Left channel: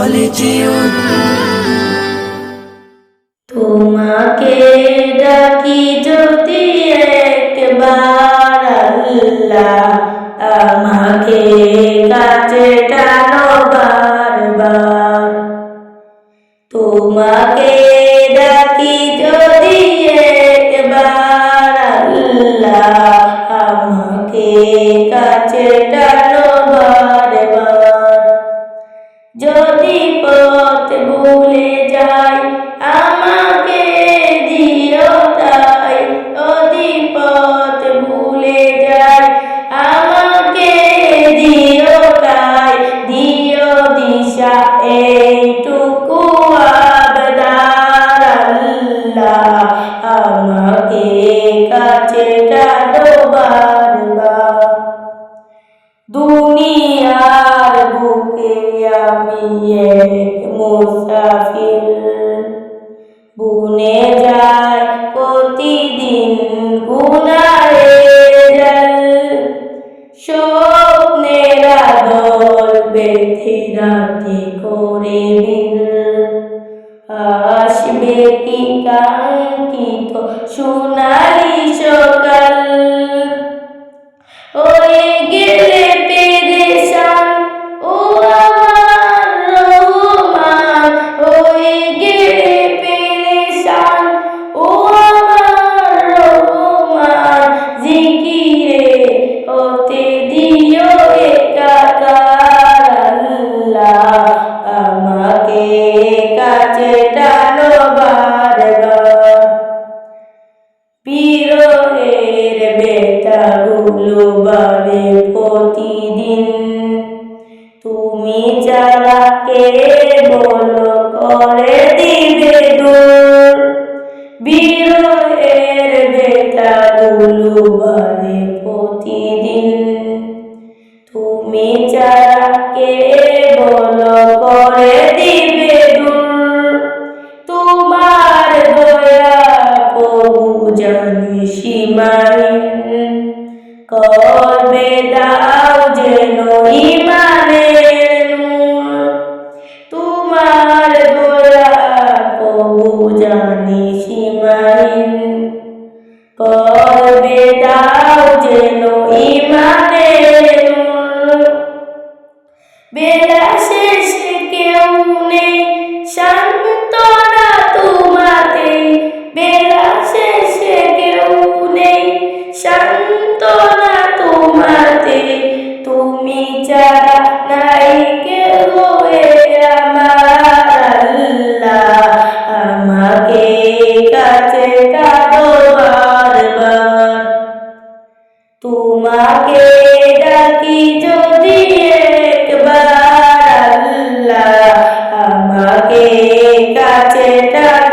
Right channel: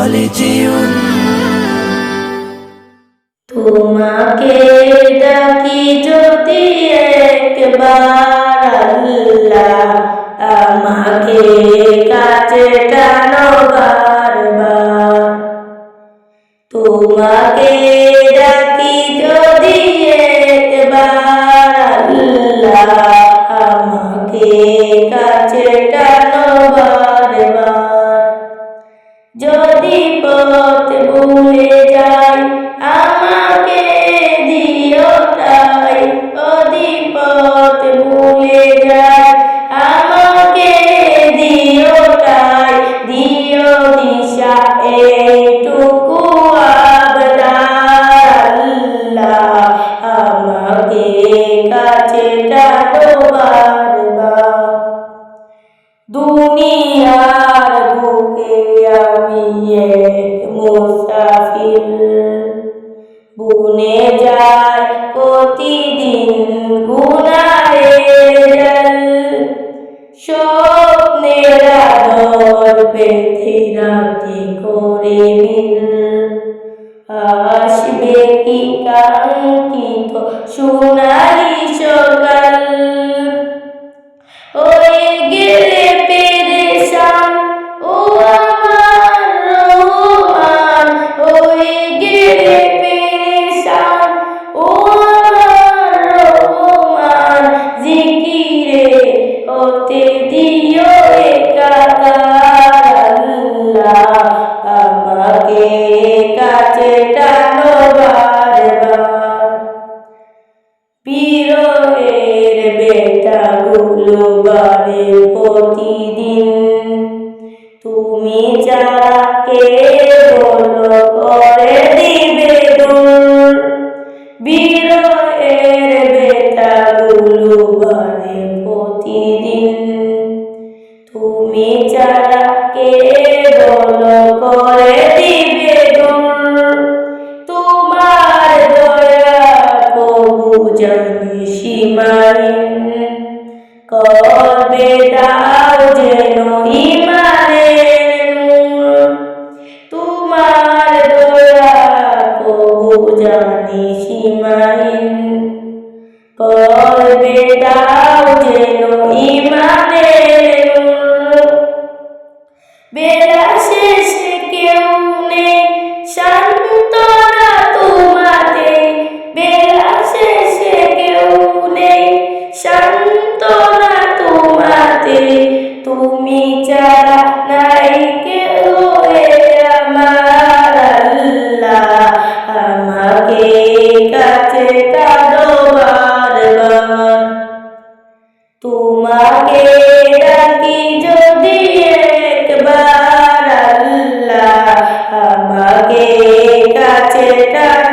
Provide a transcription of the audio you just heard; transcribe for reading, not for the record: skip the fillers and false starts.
ফালজিউন। তোমাকে ডাকি যদি একবার আল্লাহ, আমাকে কাছে টানো বারবার। তোমাকে ডাকি যদি একবার আল্লাহ, আমাকে কাছে টানো বারবার। যদি পথ ভুলে যাই আমাকে দিও ঠাই, যদি পথ ভুলে যাই আমাকে দিও ঠাই, দিও দিশা এইটুকু আবদার আল্লাহ, আমাকে কাছে টানো বারবার। দুনিয়ার বুকে আমি এক মুসাফির, বুনে যায় প্রতিদিন গুনাহের জাল। স্বপ্নের আদর বেঁধে রাতে করে বীর, আসবে কি কাঙ্ক্ষিত সোনালি সকাল। হয়ে গেলে পেরেশান ও আমার রহমান, হয়ে গেলে পেরেশান ও আমার রহমান। জিকিরে হতে দিও একাকার আল্লাহ, আমাকে কাছে টানো বারবার। বিরহের বেতাগুলো বারে প্রতিদিন, তুমি যারা কে বলো করে দিবে দূর। বিরহের বেতাগুলো বারে প্রতিদিন, তুমি যারা কে বলো করে দিবে দূর। তোমার দয়া প্রভু জানি সীমাহীন, কবে দাও যেন ঈমানের নূর। তোমার দয়া প্রভু জানি সীমাহীন, কবে দাও যেন ঈমানের নূর। বেলা শেষে কেউ নেই সান্ত্বনা তোমাতে, বেলা শেষে কেউ নেই সান্ত্বনা তোমাতে। তুমি ছাড়া নাই কেউ আমার আল্লাহ, আমাকে কাছে টানো বারবার। তোমাকে ডাকি যদি একবার আল্লাহ, আমাকে কাছে টানো